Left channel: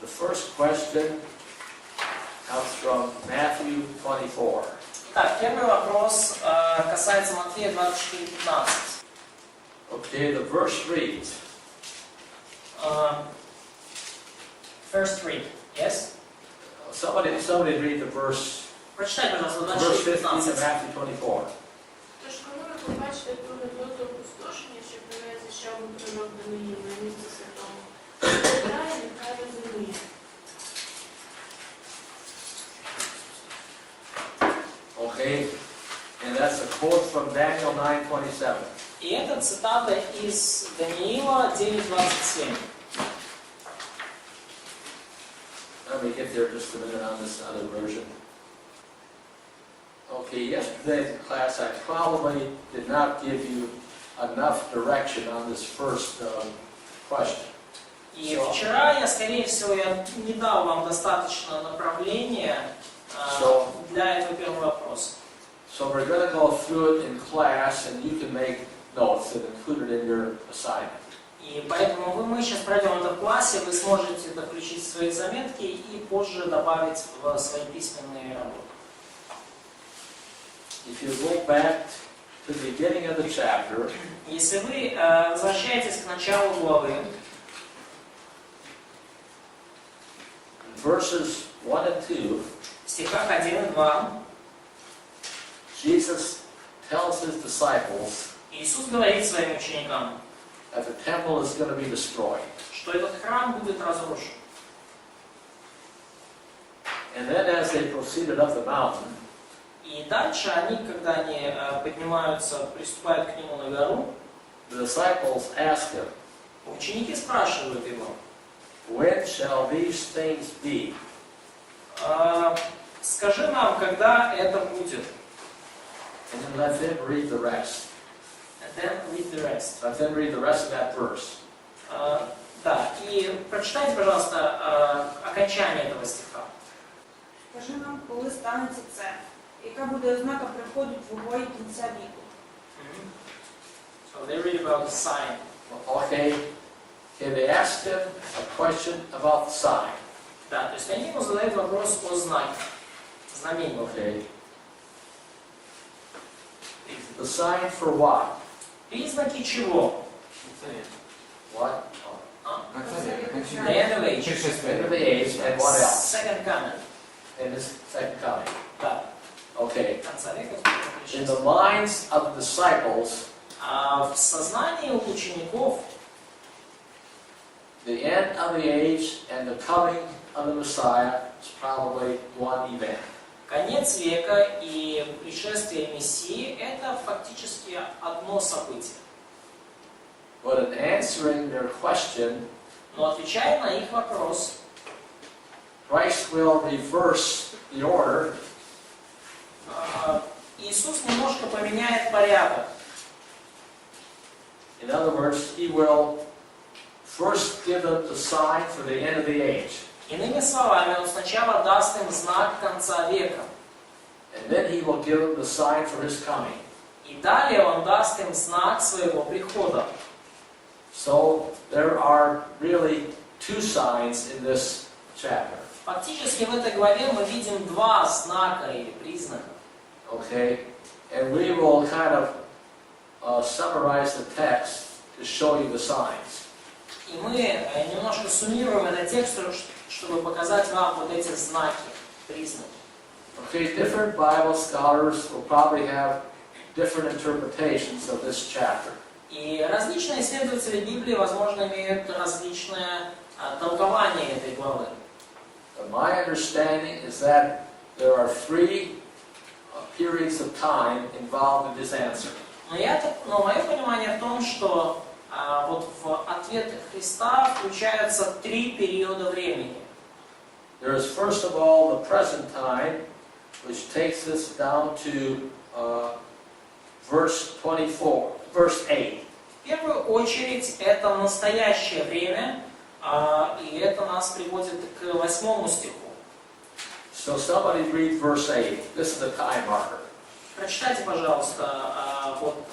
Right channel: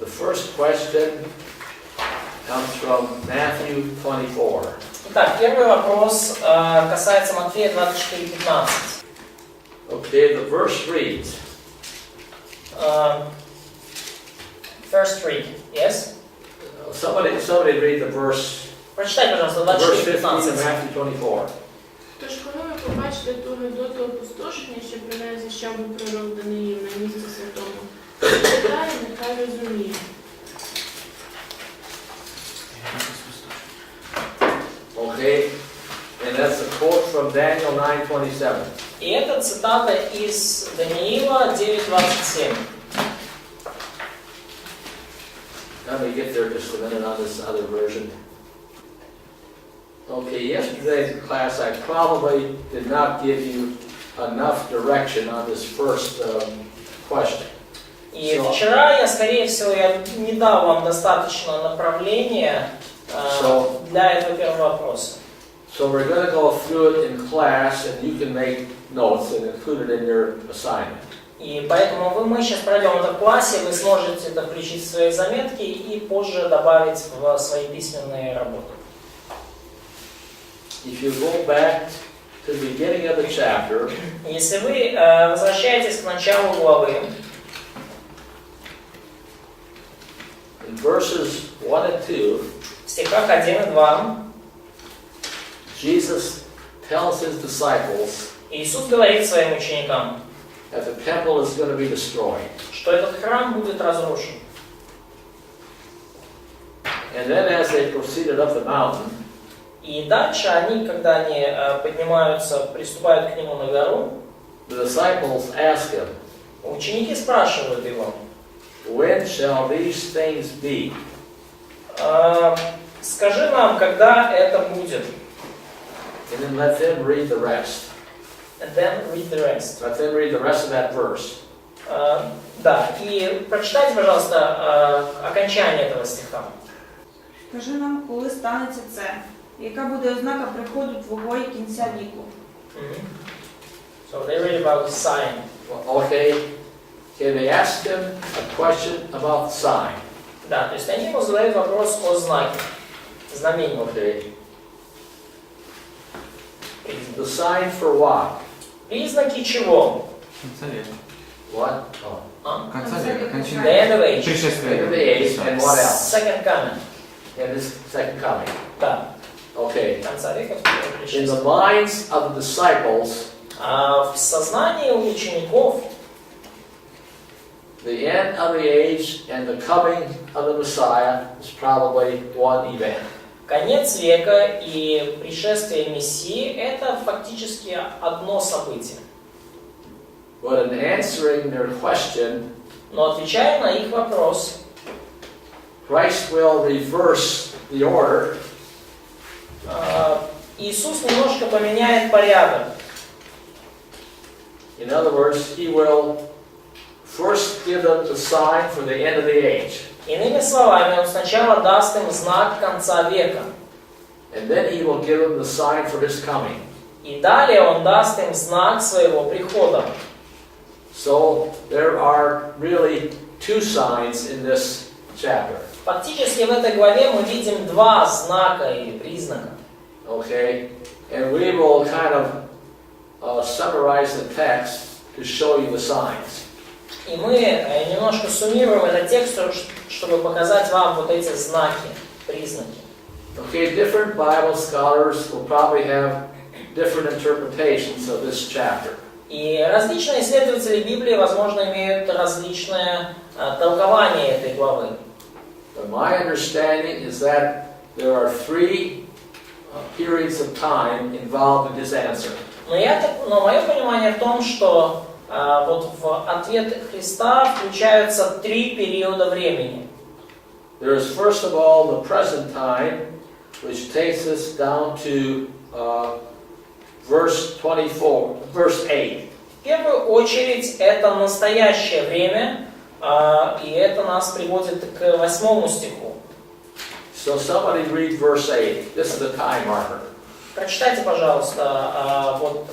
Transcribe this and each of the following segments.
The first question comes from Matthew 24. Итак, первый вопрос касается Матфея 24:15. Okay, the verse reads. First read, yes? Somebody read the verse. Прочитай, пожалуйста, Verse 15 of 24:15. Matthew 24. Тож, коли ви побачите ту недоту опустошення, що про неї звіщав би пророк Даниїл на місці святому, читає, нехай розуміє. Okay, and that's a quote from Daniel 9:27. И это цитата из Даниила 9:27. Let me get there just a minute on this other version. Okay, yesterday's class I probably did not give you enough direction on this first question. И вчера я, скорее всего, не дал вам достаточно направления для этого первого вопроса. So we're going to go through it in class, and you can make notes and include it in your assignment. И поэтому мы сейчас пройдем это в классе, вы сможете это включить в свои заметки и позже добавить в свои письменные работы. If you go back to the beginning of the chapter, Если вы возвращаетесь к началу главы, in verses 1 and 2, в стихах 1 и 2, Jesus tells his disciples Иисус говорит своим ученикам, that the temple is going to be destroyed. что этот храм будет разрушен. And then as they proceeded up the mountain, И дальше они, когда они поднимаются, приступают к нему на гору, the disciples ask him, ученики спрашивают его, when shall these things be? скажи нам, когда это будет. And then let them read the rest. And then read the rest. Let them read the rest of that verse. Да, и прочитайте, пожалуйста, окончание этого стиха. Скажи нам, коли станеться це, яка буде ознака приходу Твого і кінця віку? So they read about the sign. Okay, they asked him a question about the sign. Да, то есть они ему задают вопрос о знаке, знамении. Okay. The sign for what? Признаки чего? What? The end of age. End of the age, and what else? Second coming. And his second coming. Да. Okay. Конца века. In the minds of the disciples, В сознании у учеников the end of the age and the coming of the Messiah is probably one event. конец века и пришествие Мессии – это фактически одно событие. But in answering their question, Но отвечая на их вопрос, Christ will reverse the order. Иисус немножко поменяет порядок. In other words, he will first give them the sign for the end of the age. Иными словами, Он сначала даст им знак конца века. And then he will give them the sign for his coming. И далее Он даст им знак своего прихода. So there are really two signs in this chapter. Фактически в этой главе мы видим два знака или признака. Okay? And we will kind of summarize the text to show you the signs. И мы немножко суммируем этот текст, чтобы показать вам вот эти знаки, признаки. Okay, different Bible scholars will probably have different interpretations of this chapter. И различные исследователи Библии, возможно, имеют различное толкование этой главы. But my understanding is that there are three periods of time involved in this answer. Но мое понимание в том, что вот в ответ Христа включаются три периода времени. There is first of all the present time, which takes us down to verse 24, verse 8. В первую очередь это настоящее время, и это нас приводит к 8 стиху. So somebody read verse 8. This is a time marker. Прочитайте, пожалуйста, вот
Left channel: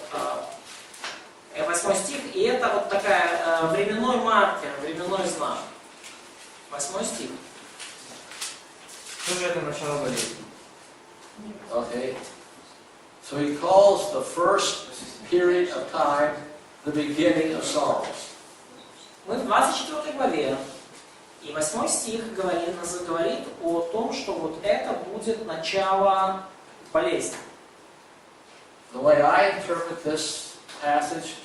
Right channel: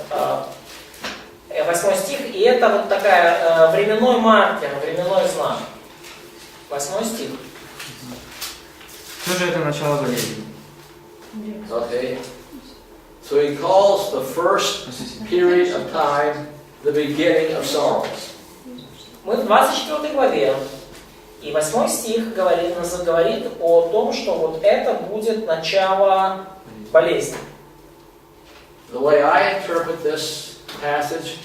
8 стих, и это вот такая временной маркер, временной знак. 8 стих. Что же это начало болезни? Okay. So he calls the first period of time the beginning of sorrows. Мы в 24 главе, и 8 стих говорит о том, что вот это будет начало болезни. The way I interpret this passage,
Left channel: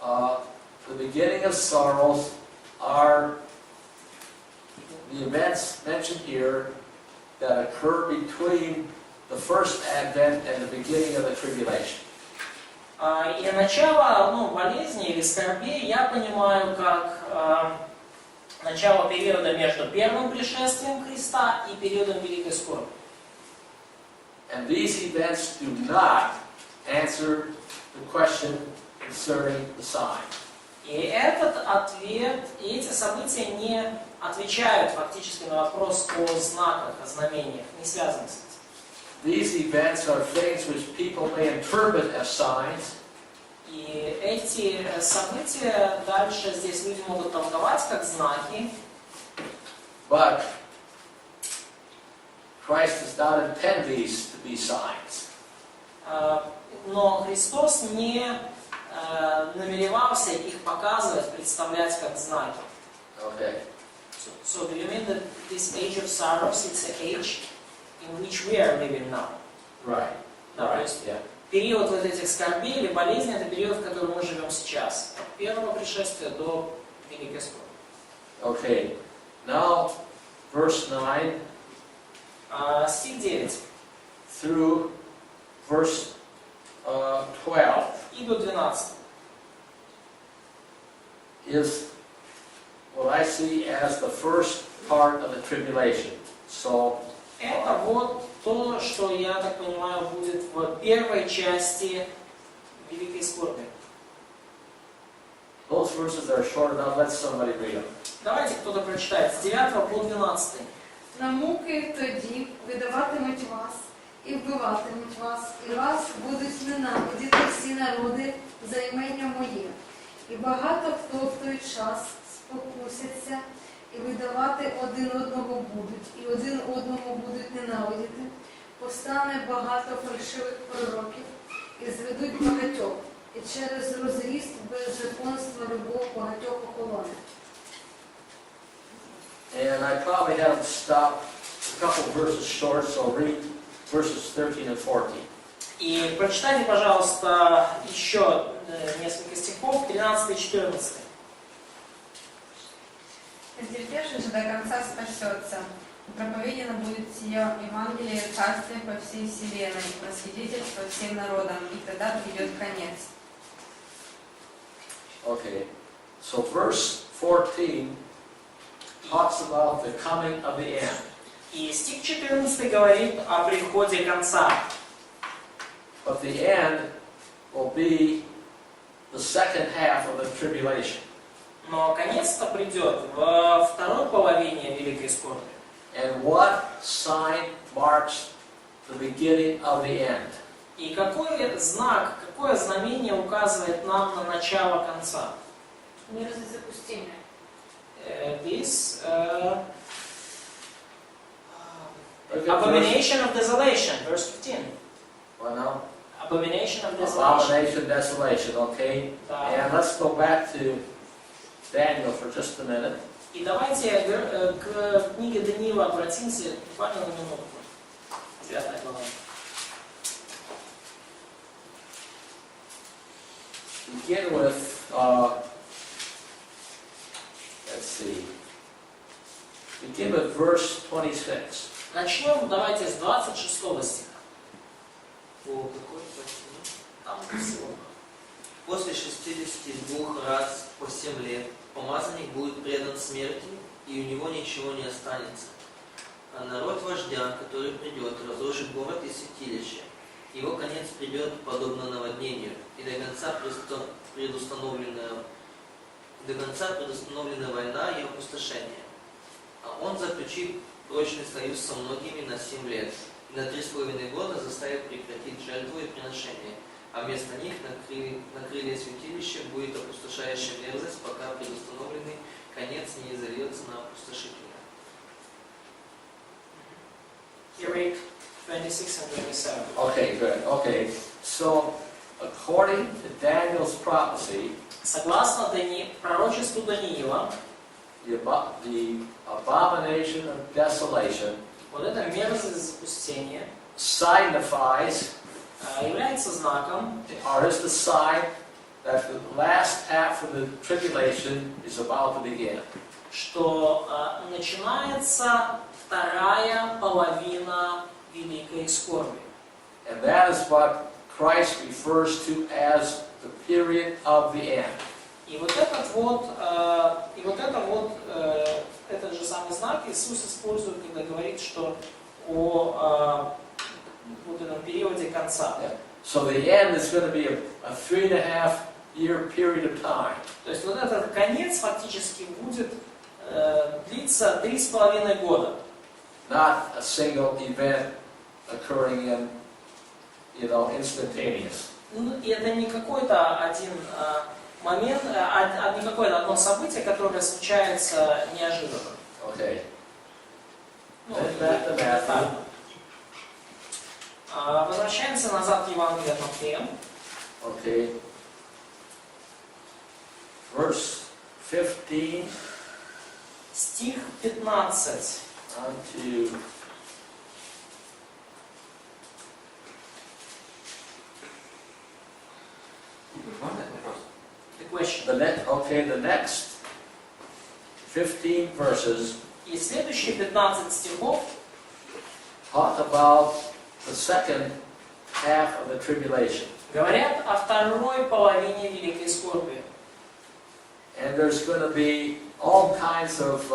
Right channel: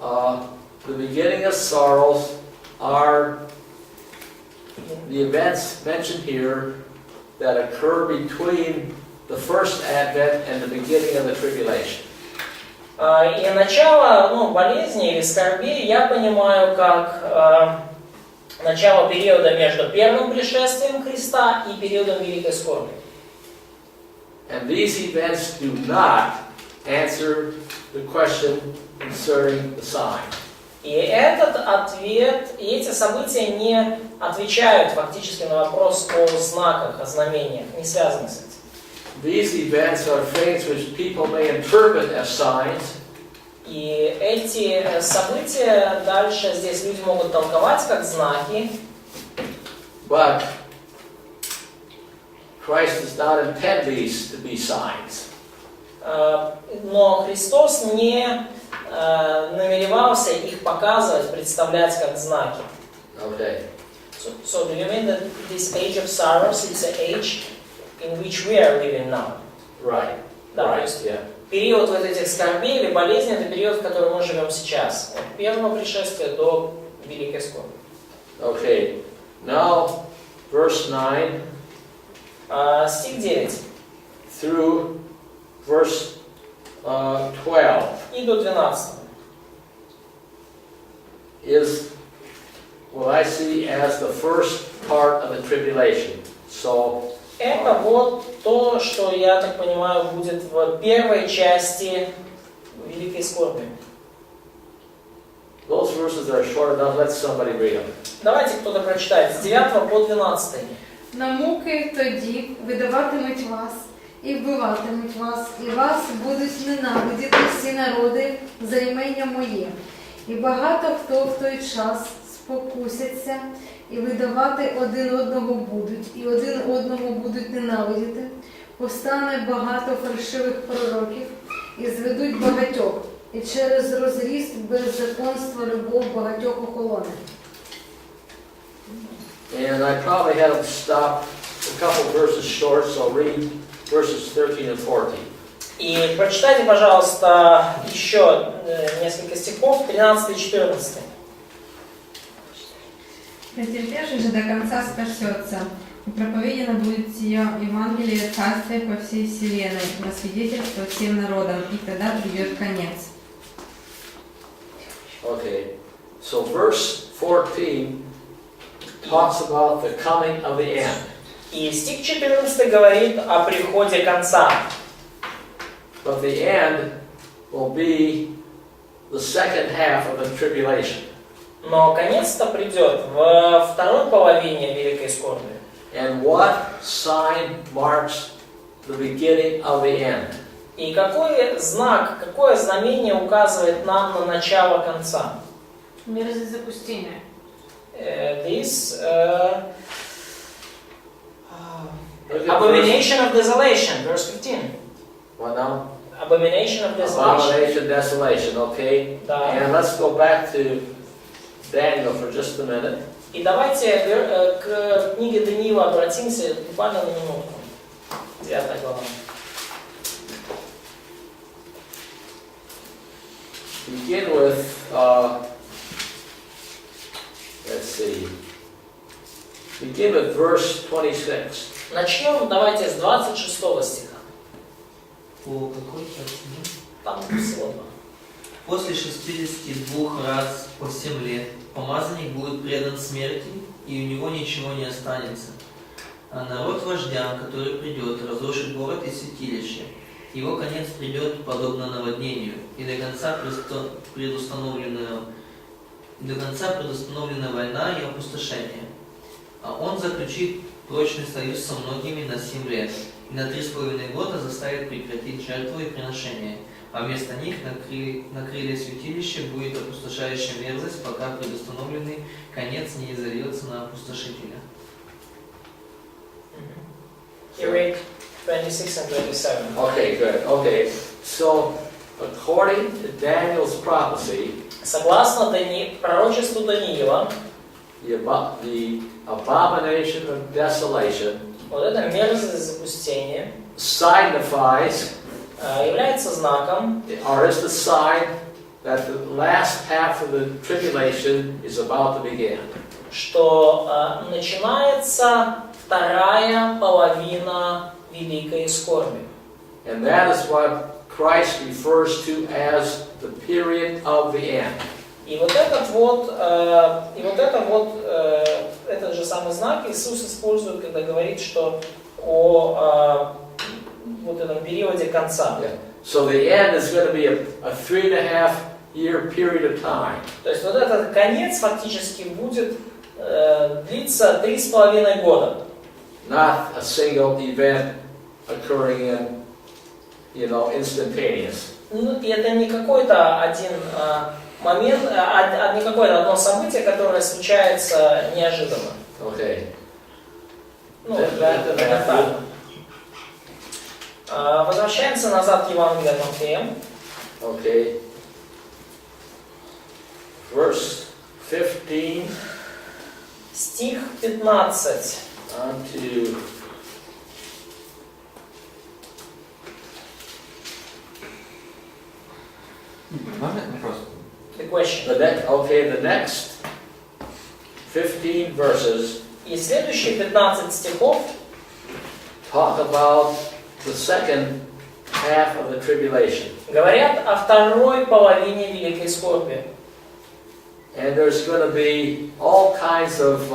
the beginning of sorrows are the events mentioned here that occur between the first advent and the beginning of the tribulation. И начало болезни или скорби я понимаю как начало периода между первым пришествием Христа и периодом Великой Скорби. And these events do not answer the question concerning the sign. И этот ответ, и эти события не отвечают фактически на вопрос о знаках, о знамениях, не связаны с этим. These events are things which people may interpret as signs. И эти события дальше здесь люди могут толковать как знаки. But Christ does not intend these to be signs. Но Христос не намеревался их показывать, представлять как знаки. Okay. So do you mean that this age of sorrows is an age in which we are living now? Right. Да, то Right. есть Yeah. период вот этих скорбей или болезней — это период, в котором мы живем сейчас. От первого пришествия до Великой Скорби. Okay. Now, verse 9 Стих 9 through verse 12 и до 12. is what I see as the first part of the tribulation. So, Это вот то, что, я так понимаю, будет в первой части Великой Скорби. those verses are short enough. Let somebody read them. Давайте кто-то прочитает с 9 по 12. На муки тоді видаватимуть вас, і вбиватимуть вас, і вас будуть ненавидіти всі народи за імення моє. І багато хто в той час спокусяться, і видавати один одного будуть, і один одному будуть ненавидіти. Повстане багато фальшивих пророків, і зведуть багатьох, і через розріст беззаконства любов багатьох охолоне. And I probably had them stop a couple verses short, so read verses 13 and 14. И прочитайте, пожалуйста, еще несколько стихов, 13 и 14. Претерпевший же до конца спасется, и проповедено будет сие Евангелие Царствия по всей вселенной, на свидетельство всем народам, и тогда придет конец. Okay, so verse 14 talks about the coming of the end. И стих 14 говорит о приходе конца. But the end will be the second half of the tribulation. Но конец-то придет во второй половине Великой Скорби. And what sign marks the beginning of the end? И какой знак, какое знамение указывает нам на начало конца? Мерзость запустения. This abomination of desolation, verse 15. What now? Abomination of desolation. Abomination, desolation, okay? Да. And let's go back to Daniel for just a minute. И давайте к книге Даниила обратимся буквально на минутку. 9 глава. Begin with, let's see, begin with verse 26. Начнем, давайте, с 26 стиха. По какой части? Там всего два. После 62 раз по 7 лет помазанник будет предан смерти, и у него ничего не останется. А народ вождя, который придет, разрушит город и святилище. Его конец придет подобно наводнению, и до конца предустановлена война и опустошение. А он заключит прочный союз со многими на 7 лет, и на 3,5 года заставит прекратить жертву и приношение. а вместо них на крылья святилища будет опустошающая мерзость, пока предустановленный конец не изольется на опустошителя. You read 26 and 27. Okay, good. Okay, so according to Daniel's prophecy, Согласно пророчеству Даниила, the abomination of desolation вот эта мерзость запустения signifies, является знаком, or is the sign that the last half of the tribulation is about to begin. что начинается вторая половина великой скорби. And that is what Christ refers to as the period of the end. И вот этот же самый знак Иисус использует, когда говорит, что о вот этом периоде конца. Yeah. So the end is going to be a 3.5 year period of time. То есть вот этот конец фактически будет длиться 3,5 года. Not a single event occurring in, instantaneous. Ну, и это не какой-то один момент, не какое-то одно событие, которое случается неожиданно. Okay. Ну, Then это возвращаемся назад к Евангелию от Матфея. Okay. Verse 15 Стих 15. on to The question. the next 15 verses И следующие 15 стихов talk about the second half of the tribulation. говорят о второй половине великой скорби. And there's going to be all kinds of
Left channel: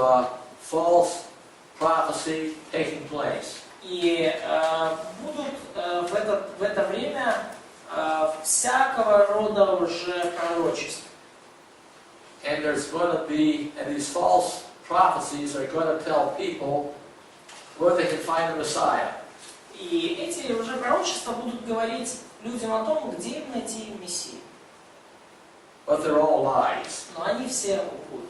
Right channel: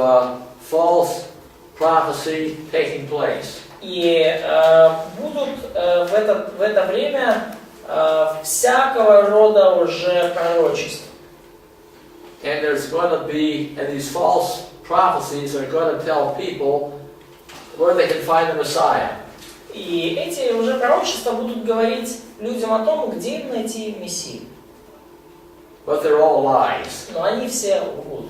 false prophecy taking place. И будут в это время всякого рода уже пророчества. And there's going to be, and these false prophecies are going to tell people where they can find the Messiah. И эти уже пророчества будут говорить людям о том, где им найти Мессию. But they're all lies. Но они все лгут.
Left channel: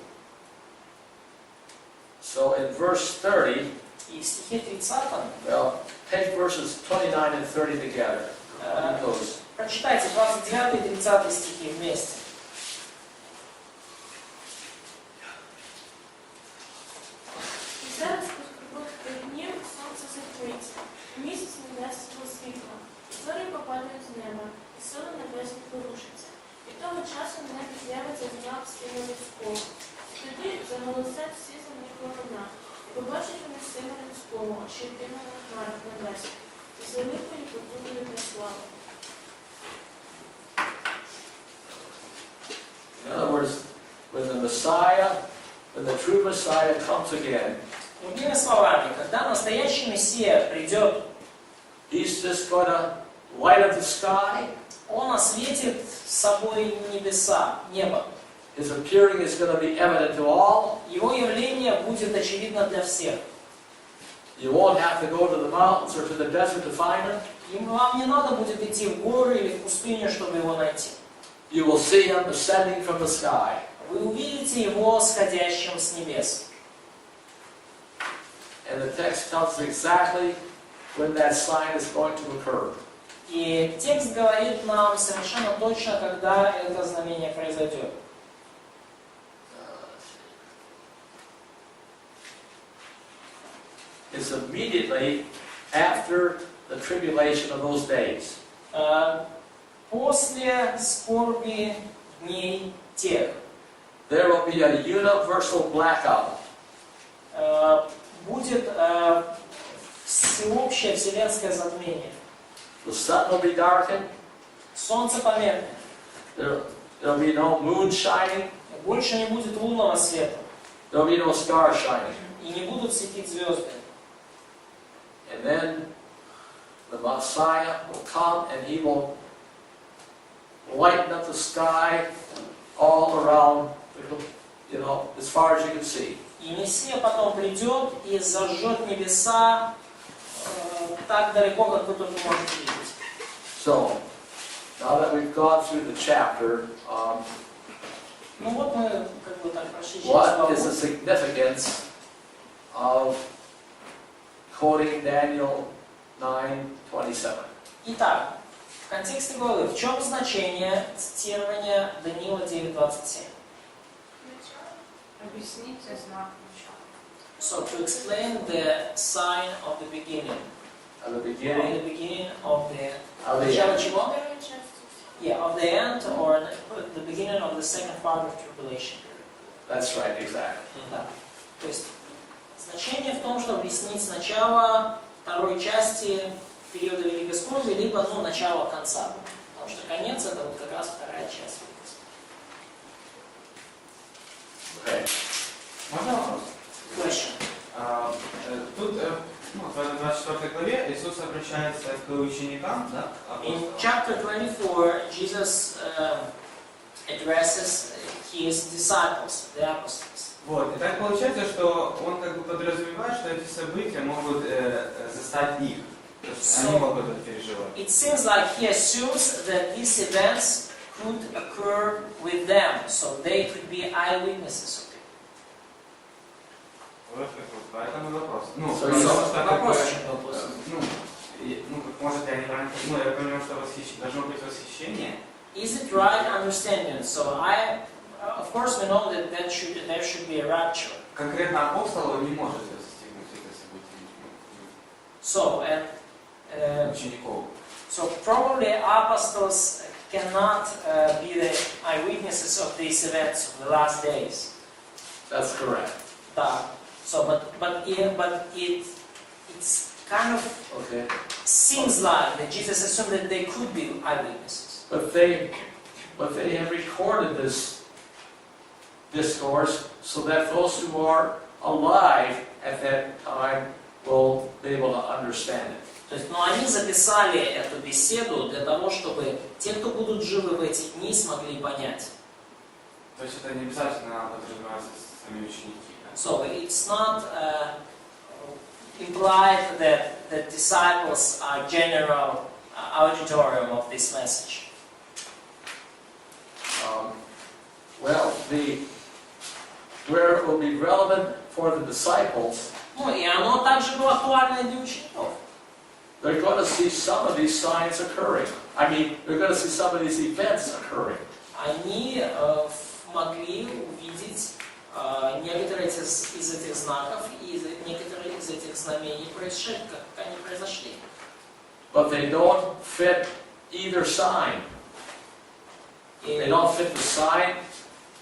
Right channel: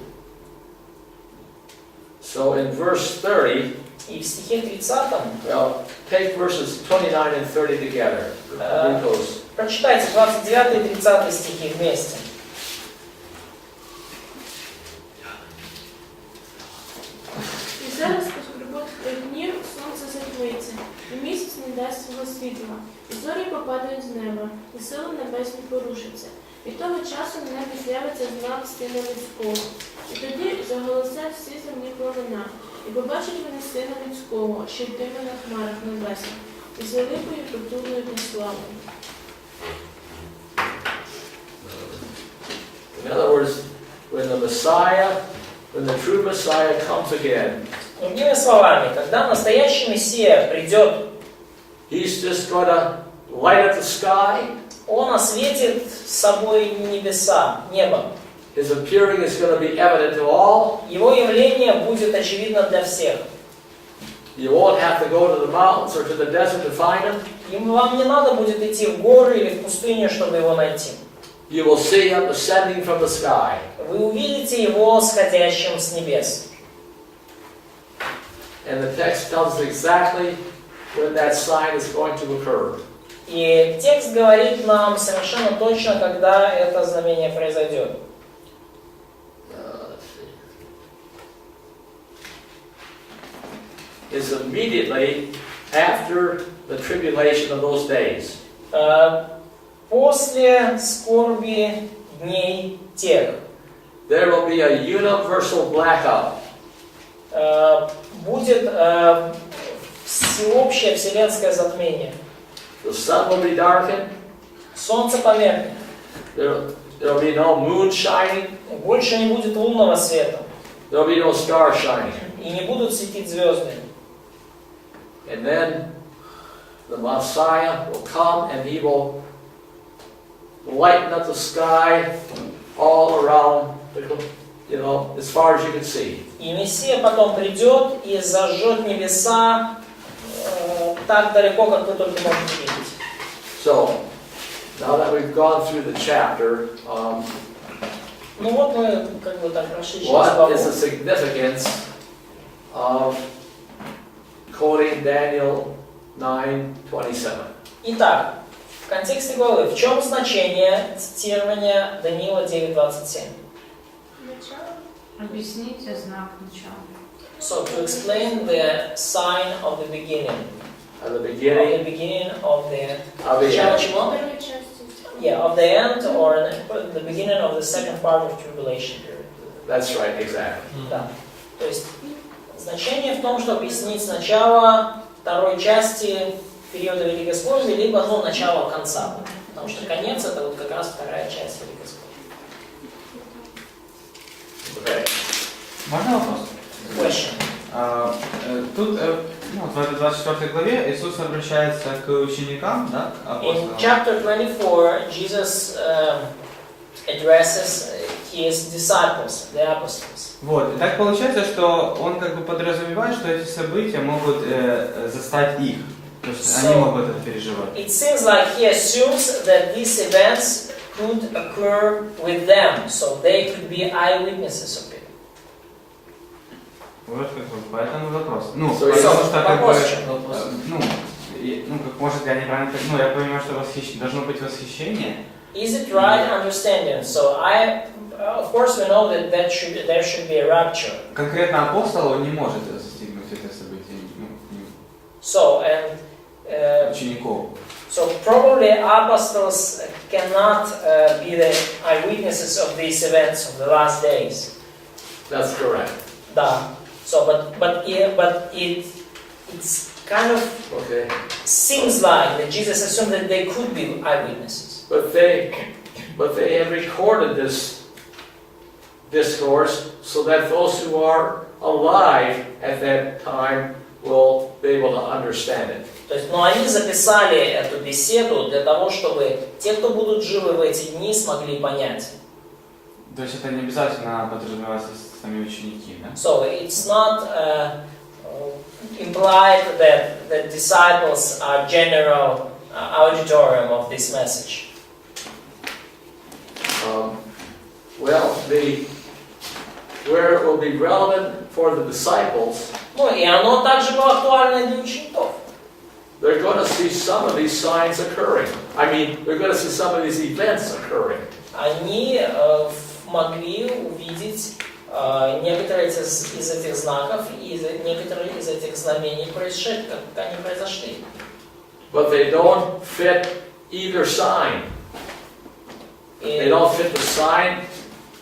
So in verse 30, И в стихе 30, well, take verses 29 and 30 together. Read those. прочитайте 29 и 30 стихи вместе. І зараз по скорботах 3 днів сонце затьмиться, і місяць не дасть свого світла, і зорі попадають з неба, і сили небесні порушаться. Від того часу на небі з'явиться знак Сина Людського. І тоді заголосять всі земні племена, і побачать вони Сина Людського, що йтиме на хмарах небесних, і з великою потужною славою. In other words, when the true Messiah comes again, Другими словами, когда настоящий Мессия придет, he's just going to light up the sky. Он осветит собой небеса, небо. His appearing is going to be evident to all. Его явление будет очевидно для всех. You won't have to go to the mountains or to the desert to find him. Вам не надо будет идти в горы или в пустыню, чтобы его найти. You will see him ascending from the sky. Вы увидите его сходящим с небес. And the text tells us exactly when that sign is going to occur. И текст говорит нам совершенно точно, когда это знамение произойдет. Let's see. It's immediately after the tribulation of those days. После скорби дней тех There will be a universal blackout. будет всеобщее вселенское затмение. The sun will be darkened. Солнце померкнет. There will be no moon shining. Больше не будет лунного света. There will be no stars shining. И не будут светить звезды. And then the Messiah will come and he will lighten up the sky all around, as far as you can see. И Мессия потом придет и зажжет небеса так далеко, как вы только можете видеть. So, Now that we've gone through the chapter, Ну вот мы как бы так прошли через what главу. is the significance of quoting Daniel 9:27? Итак, в контексте главы, в чем значение цитирования Даниила 9:27? Начало. Объясните знак начала. So, to explain the sign of the beginning. At the Of beginning the beginning of the... of the Начало end. чего? Первой части. Yeah, of the end or the beginning of the second part of tribulation period. That's right, exactly. Да. То есть значение в том, что объяснить начало второй части периода Великой Скорби, либо начало конца. Потому что конец это вот как раз вторая часть Великой Скорби. Okay. Можно вопрос? Question. Тут, в этой 24 главе Иисус обращается к ученикам, да, к In апостолам. chapter 24, Jesus addresses his disciples, the apostles. Вот, и так получается, что он как бы подразумевает, что эти события могут застать их. То есть они могут это переживать. It seems like he assumes that these events could occur with them, so they could be eyewitnesses of it. Вот поэтому вопрос. So потому it's- что как бы, вопрос. как может я неправильно, я понимаю, что должно быть восхищение. Is it right understanding? So of course, we know that there should be a rapture. Конкретно апостол он не может застигнуть это событие So учеников. so probably apostles cannot be the eyewitnesses of these events of the last days. That's correct. Да. So but it's kind of Okay. seems like that Jesus assumed that they could be eyewitnesses. But they have recorded this discourse so that those who are alive at that time will be able to understand it. То есть, они записали эту беседу для того, чтобы те, кто будут живы в эти дни, смогли понять. То есть это не обязательно подразумевается сами ученики, да? So it's not implied that the disciples are general auditorium of this message. Where it will be relevant for the disciples, И оно также было актуально и для учеников. they're going to see some of these signs occurring. I mean, they're going to see some of these events occurring. Они могли увидеть некоторые из этих знаков и некоторые из этих знамений, как они произошли. But they don't fit either sign. They don't fit the sign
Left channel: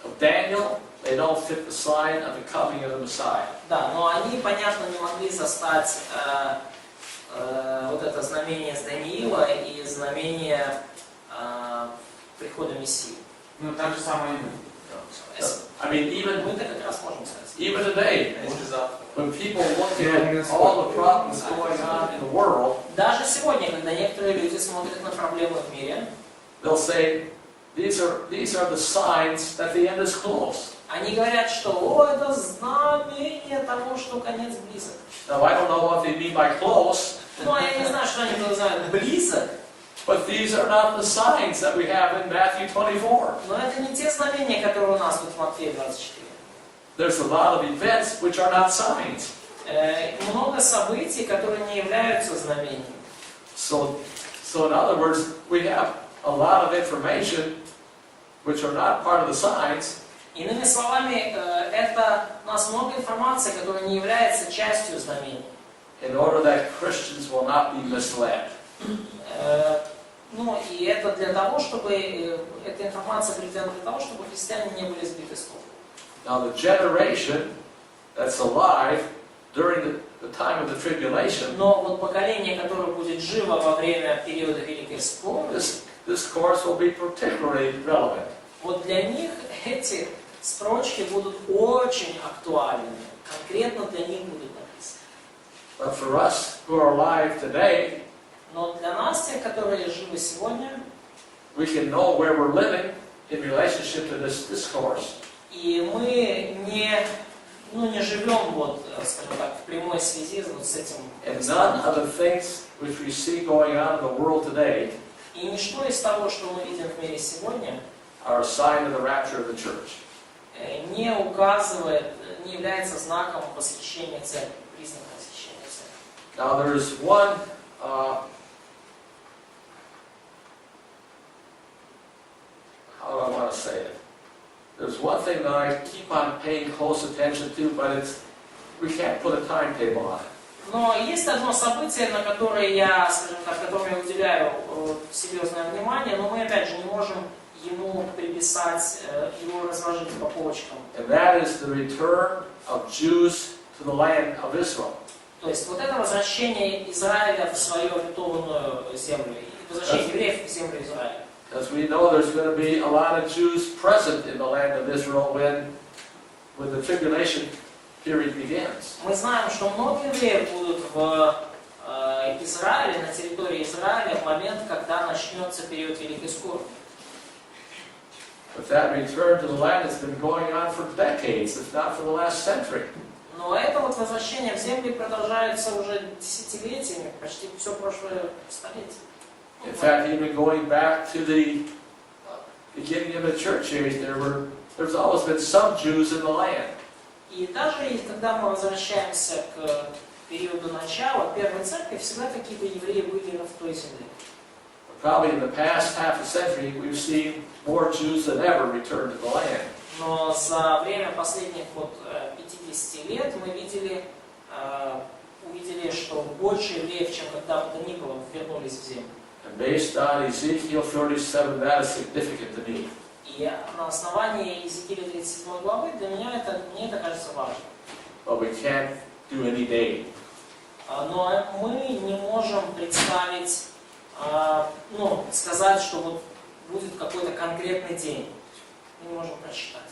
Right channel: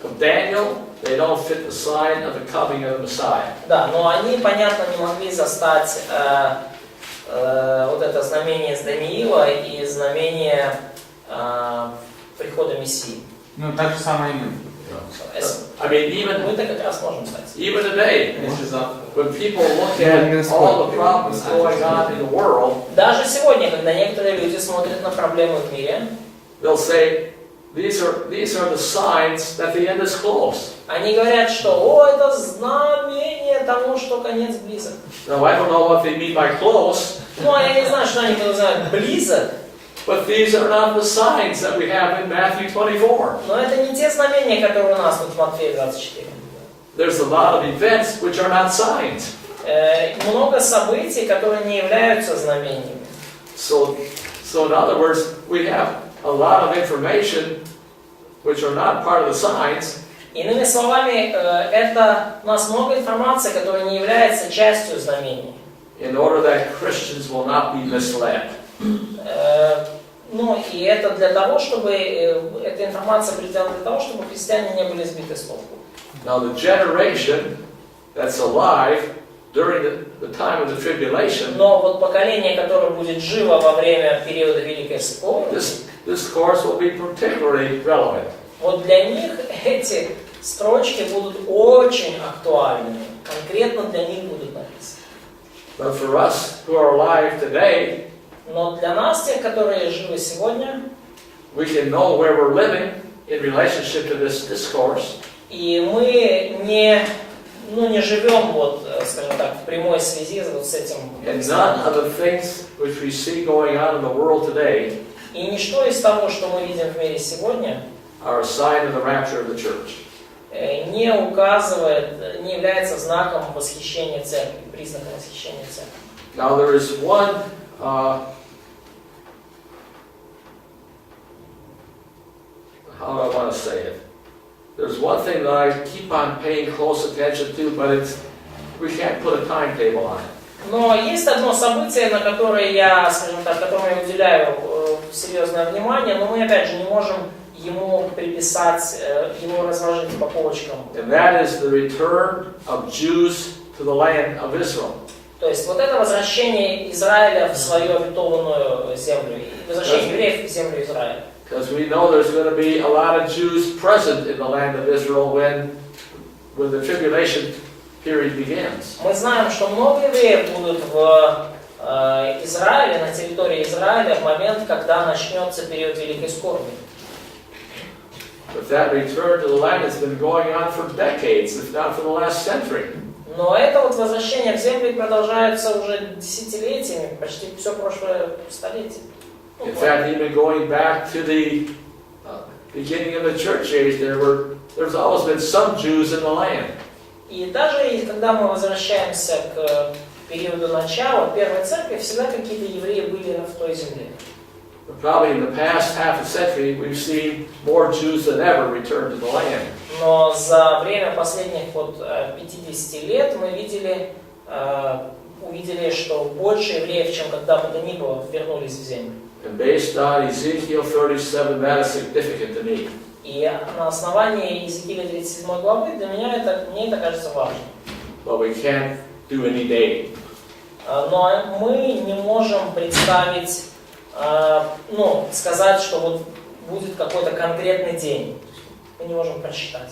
of Daniel. They don't fit the sign of the coming of the Messiah. Да, но они, понятно, не могли застать вот это знамение из Даниила и знамение прихода Мессии. Так же самое и мы. I mean, Мы-то как раз можем сказать. even today, when people look at all the problems going on in the world, Даже сегодня, когда некоторые люди смотрят на проблемы в мире, they'll say, these are the signs that the end is close. они говорят, что это знамение того, что конец близок. Now, I don't know what they mean by close, Я не знаю, что они называют близок, but these are not the signs that we have in Matthew 24. но это не те знамения, которые у нас тут в Матфея 24. There's a lot of events which are not signs. Много событий, которые не являются знамениями. So in other words, we have a lot of information which are not part of the signs. Иными словами, это у нас много информации, которая не является частью знамений. In order that Christians will not be misled. И это для того, чтобы эта информация прилетела для того, чтобы христиане не были сбиты с толку. Now the generation that's alive during the time of the tribulation, Но вот поколение, которое будет живо во время периода Великой Скорби, this course will be particularly relevant. вот для них эти строчки будут очень актуальными. Конкретно для них будут написаны. But for us who are alive today, Но для нас, тех, которые живы сегодня, we can know where we're living in relationship to this discourse. и мы не живем, скажем так, в прямой связи с этим. And none of the things which we see going on in the world today И ничто из того, что мы видим в мире сегодня, are a sign of the rapture of the church. не указывает, не является знаком восхищения церкви, признаком восхищения церкви. Now there is one how do I want to say it? There's one thing that I keep on paying close attention to, but we can't put a timetable on it. Но есть одно событие, на которое я, скажем так, которому я уделяю серьезное внимание, но мы опять же не можем ему приписать, его разложить по полочкам. And that is the return of Jews to the land of Israel. То есть вот это возвращение Израиля в свою обетованную землю, возвращение евреев в землю Израиля. Because we know there's going to be a lot of Jews present in the land of Israel when the tribulation period begins. Мы знаем, что много евреев будут в Израиле, на территории Израиля в момент, когда начнется период Великой Скорби. But that return to the land has been going on for decades, if not for the last century. Но это вот возвращение в землю продолжается уже десятилетиями, почти все прошлое столетие. In fact, even going back to the beginning of the church age, there's always been some Jews in the land. И даже когда мы возвращаемся к периоду начала первой церкви, всегда какие-то евреи были в той земле. But probably in the past half a century, we've seen more Jews than ever return to the land. Но за время последних 50 лет мы увидели, что больше евреев, чем когда бы то ни было, вернулись в землю. And based on Ezekiel 37, that is significant to me. И на основании Иезекииля 37 главы мне это кажется важным. But we can't do any day. Но мы не можем представить, сказать, что вот будет какой-то конкретный день. Мы не можем просчитать.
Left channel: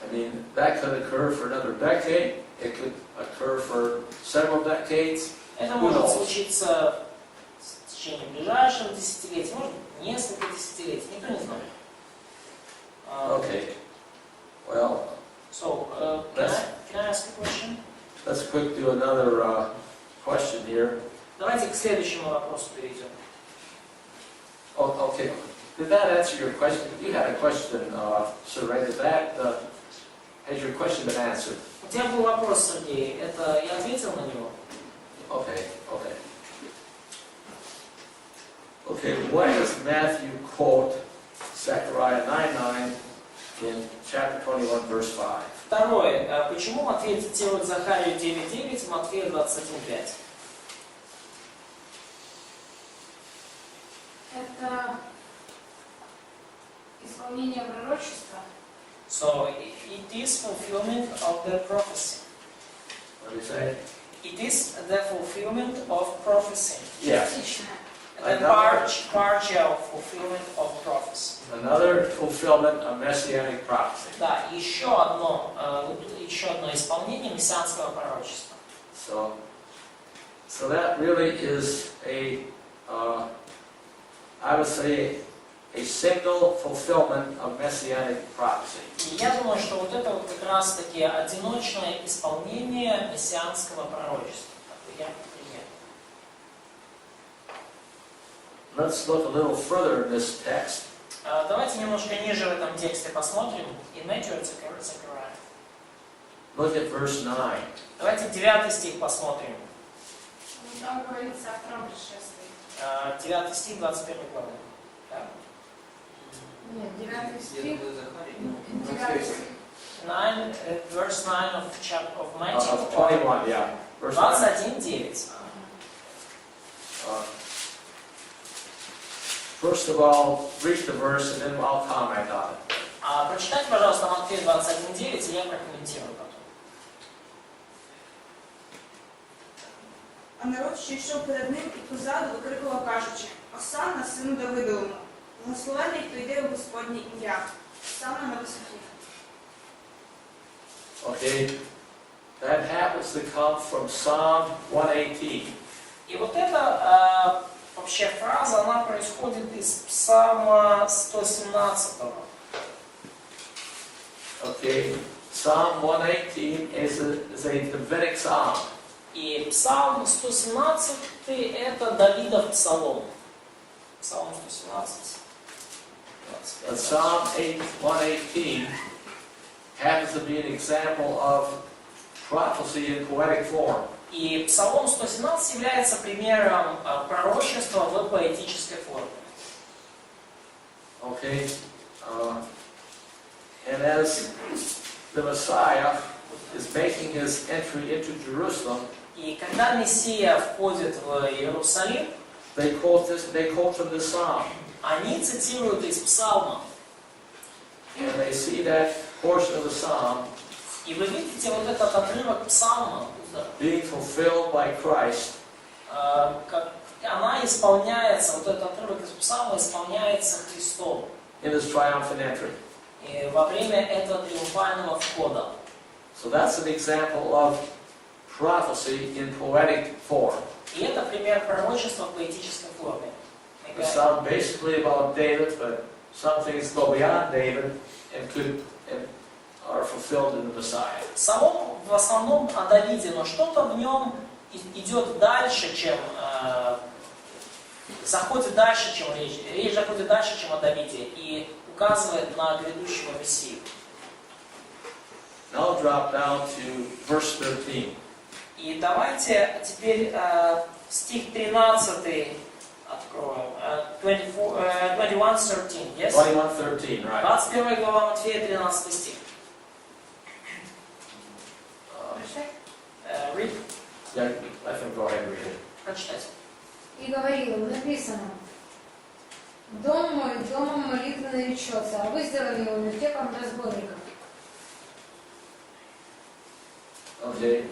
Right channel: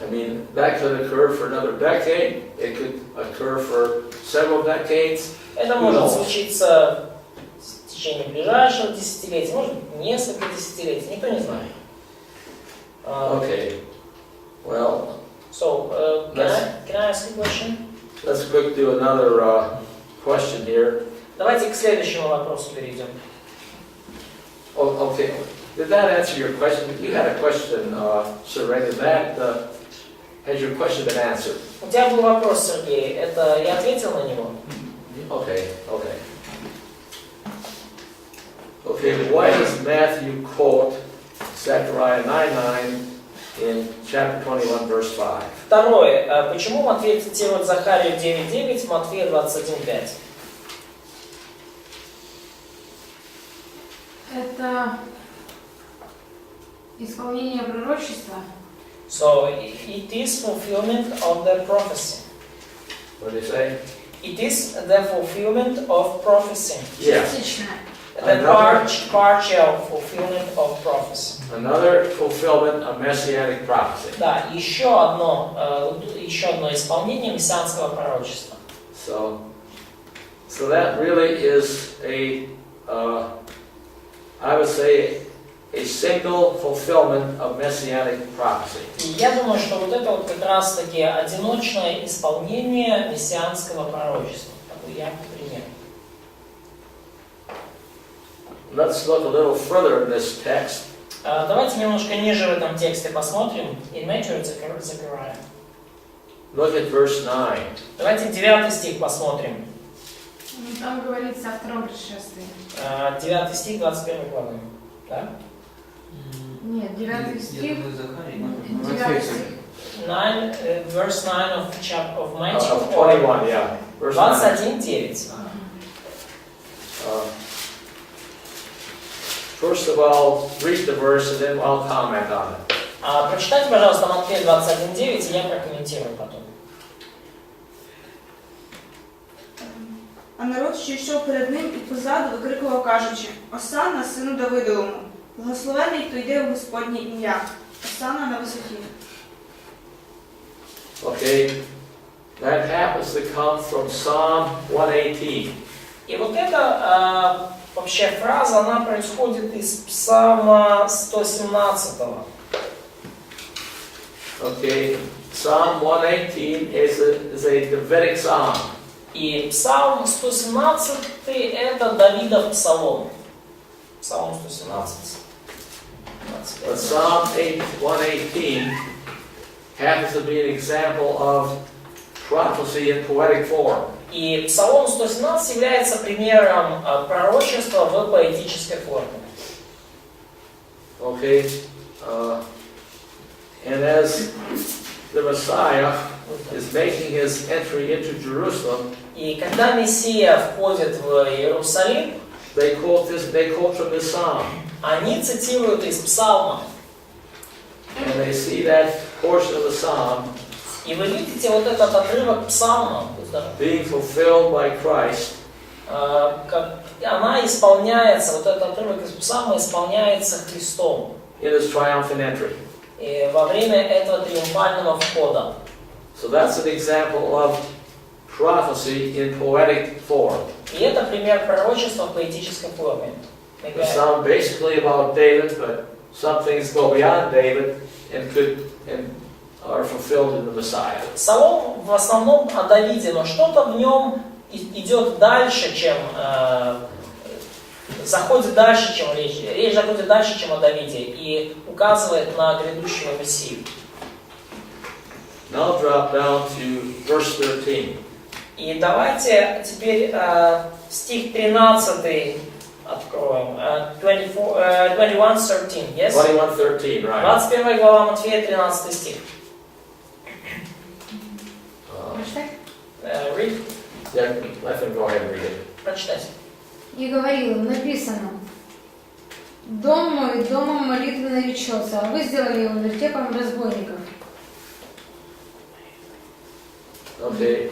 I mean, that could occur for another decade. It could occur for several decades. Это может случиться в течение ближайшего десятилетия, может быть, несколько десятилетий, никто не знает. Okay. Well, So, can I ask you a question? let's quick do another question here. Давайте к следующему вопросу перейдем. Oh, okay. Did that answer your question? You had a question, Sir Ray. Has your question been answered? У тебя был вопрос, Сергей. Это я ответил на него? Okay. Okay, why does Matthew quote Zechariah 9:9 in chapter 21, verse 5? Второе. Почему Матфей цитирует Захарию 9:9, Матфея 21:5? Это исполнение пророчества. So, it is fulfillment of the prophecy. What do you say? It is the fulfillment of prophecy. Yes. Частичное. Это partial fulfillment of prophecy. Another fulfillment of messianic prophecy. Да, еще одно исполнение мессианского пророчества. So that really is I would say, a single fulfillment of messianic prophecy. И я думаю, что вот это вот как раз таки одиночное исполнение мессианского пророчества. Такой яркий пример. Let's look a little further in this text. Давайте немножко ниже в этом тексте посмотрим. In Matthew, Zechariah. Look at verse 9. Давайте 9 стих посмотрим. Там говорится о втором пришествии. 9 стих 21 главы. Да? Нет, 9 стих. Я думаю, Захарий. 9 стих. Verse 9 of Matthew. Of 21, yeah. Verse 9. 21:9. First of all, read the verse and then I'll comment on it. Прочитайте, пожалуйста, Матфея 21:9, и я прокомментирую потом. А народ, що йшов перед ним і позаду, викрикував, кажучи: «Осанна, сину Давидовому! Благословений, хто йде в Господнє ім'я! Осанна на висоті!» Okay, that happens to come from Psalm 118. И вот эта вообще фраза, она происходит из Псалма 117. Okay, Psalm 118 is a Davidic psalm. И Псалм 117 это Давидов псалом. Псалом 117. But Psalm 118 happens to be an example of prophecy in poetic form. И Псалом 117 является примером пророчества в поэтической форме. Okay? And as the Messiah is making his entry into Jerusalem, И когда Мессия входит в Иерусалим, they quote from this psalm. они цитируют из Псалма. And they see that portion of the psalm И вы видите вот этот отрывок Псалма, being fulfilled by Christ как она исполняется, вот этот отрывок из Псалма исполняется Христом. in his triumphant entry. И во время этого триумфального входа. So that's an example of prophecy in poetic form. И это пример пророчества в поэтической форме. The psalm basically about David, but some things go beyond David and are fulfilled in the Messiah. Псалом в основном о Давиде, но что-то в нем идет дальше, чем заходит дальше, чем речь заходит дальше, чем о Давиде, и указывает на грядущего Мессию. Now drop down to verse 13. И давайте теперь стих 13 откроем. 21:13, yes? 21:13, right? 21 глава Матфея, 13 стих. Read. Yeah, let them go ahead and read it. Прочитайте. И говорил, написано, «Дом мой домом молитвы наречется, а вы сделали его вертепом разбойников». Okay.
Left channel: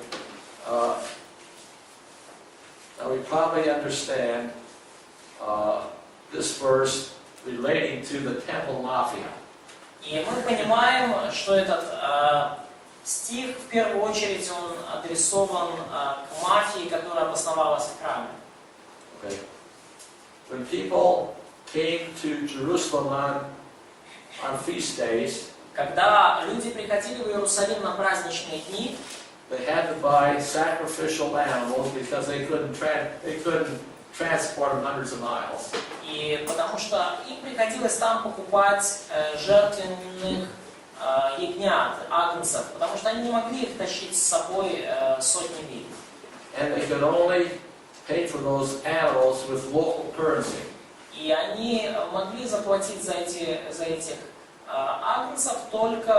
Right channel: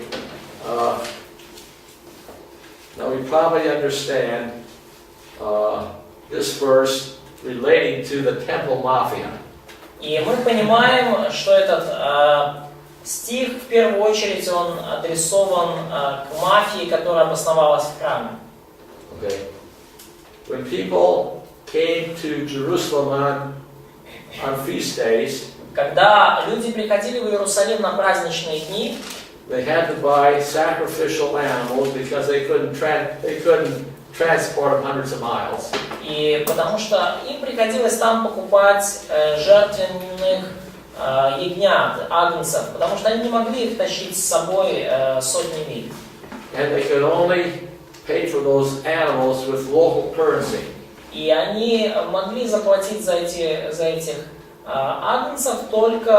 Now we probably understand this verse relating to the temple mafia. И мы понимаем, что этот стих в первую очередь он адресован к мафии, которая обосновалась в храме. Okay. When people came to Jerusalem on feast days, Когда люди приходили в Иерусалим на праздничные дни, they had to buy sacrificial animals because they couldn't transport them hundreds of miles. и потому что им приходилось там покупать жертвенных ягнят, агнцев, потому что они не могли их тащить с собой сотни миль. And they could only pay for those animals with local currency. И они могли заплатить за этих агнцев только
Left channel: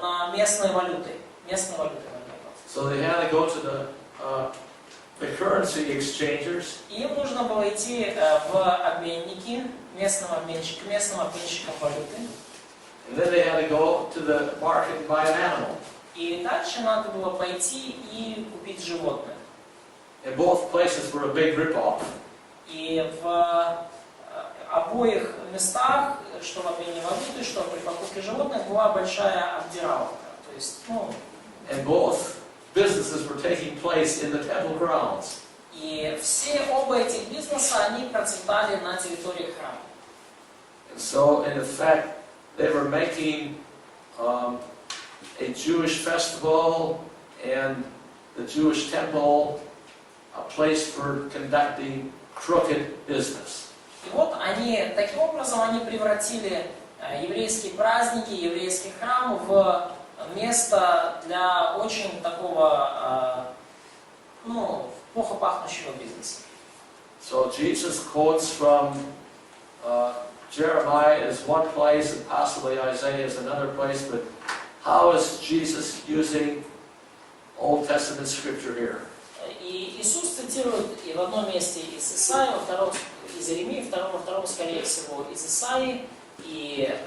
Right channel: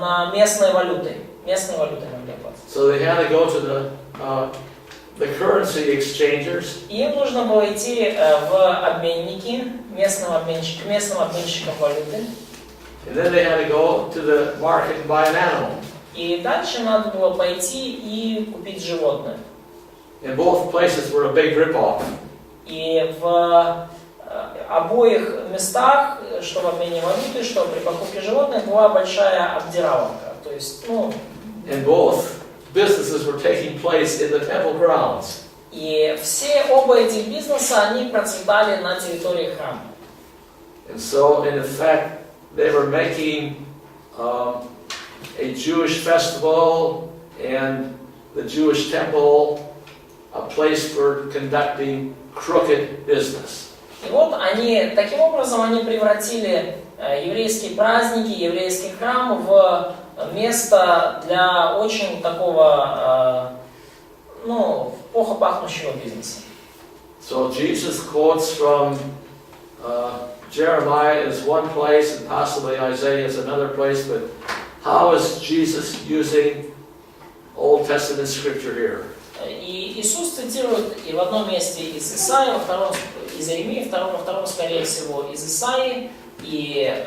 на местной валюты. Местной валюты могли платить. So they had to go to the currency exchangers. И им нужно было идти в обменники, местным обменщикам валюты. And then they had to go to the market and buy an animal. И дальше надо было пойти и купить животное. In both places were a big rip-off. И в обоих местах, что в обмене валюты, что при покупке животных, была большая обдираловка. То есть, And both businesses were taking place in the temple grounds. и оба этих бизнеса, они процветали на территории храма. And so, in effect, they were making a Jewish festival and the Jewish temple a place for conducting crooked business. И вот таким образом они превратили еврейские праздники, еврейский храм в место для очень такого, плохо пахнущего бизнеса. So Jesus quotes from Jeremiah is one place and possibly Isaiah is another place, but how is Jesus using Old Testament scripture here? И Иисус цитирует и в одном месте из Исаии, во втором из Иеремии, во втором, скорее всего, из Исаии. И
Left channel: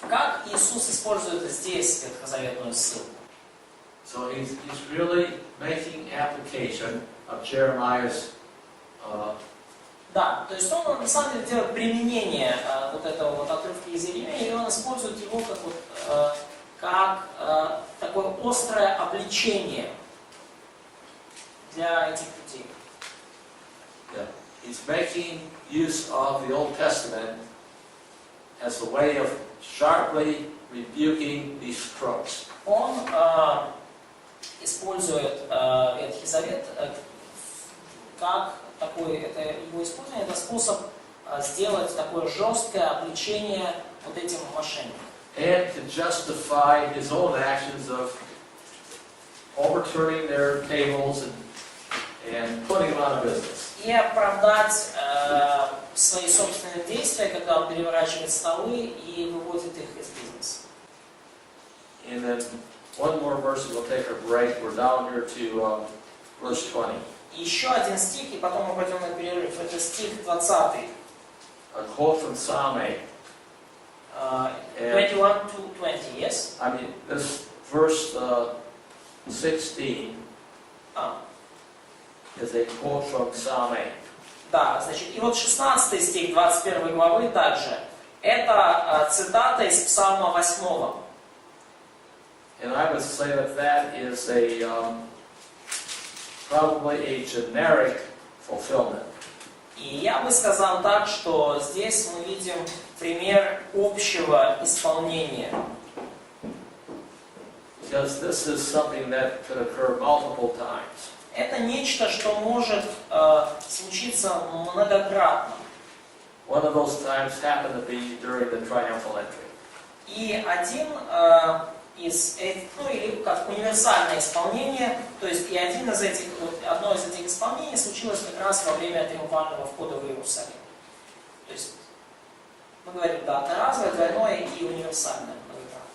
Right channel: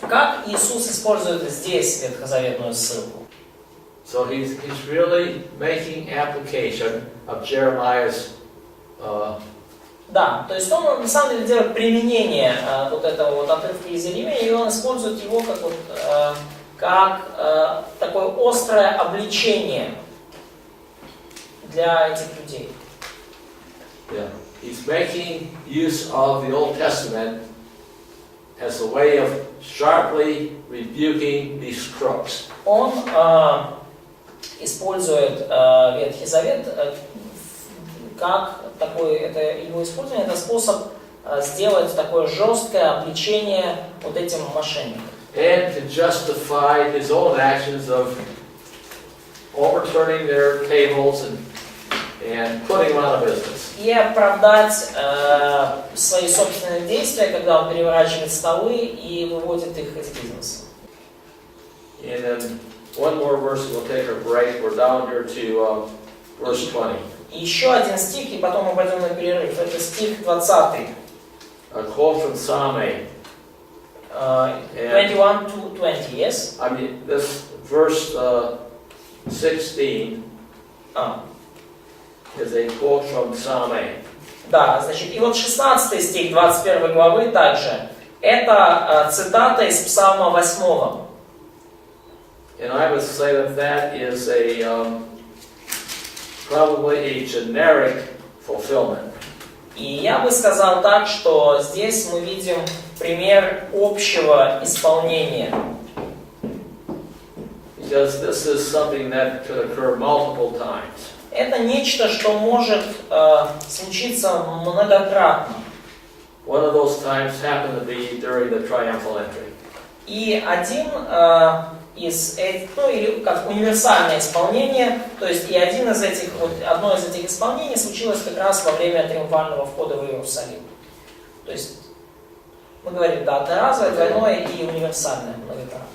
как Иисус использует здесь ветхозаветную ссылку? So he's really making application of Jeremiah's. Да, то есть он на самом деле делает применение вот этого вот отрывка из Иеремии, и он использует его как такое острое обличение для этих людей. Yeah. He's making use of the Old Testament as a way of sharply rebuking these crooks. Он использует Ветхий Завет как это его использование, это способ сделать такое жесткое обличение вот этим мошенникам. And to justify his own actions of overturning their tables and putting them out of business. И оправдать свои собственные действия, когда он переворачивает столы и выводит их из бизнеса. And then one more verse, we'll take our break. We're down here to verse 20. И еще один стих, и потом мы пойдем на перерыв. Это стих 20. A quote from Psalm 8. 21 to 20, yes? I mean, this verse 16 is a quote from Psalm 8. Да, значит, и вот 16 стих 21 главы также. Это цитата из Псалма 8. And I would say that that is probably a generic fulfillment. И я бы сказал так, что здесь мы видим пример общего исполнения. Because this is something that could occur multiple times. Это нечто, что может случиться многократно. One of those times happened to be during the triumphal entry. И один из этих, или как универсальное исполнение, то есть и одно из этих исполнений случилось как раз во время триумфального входа в Иерусалим. То есть мы говорим, да, одноразовое, двойное и универсальное многократно.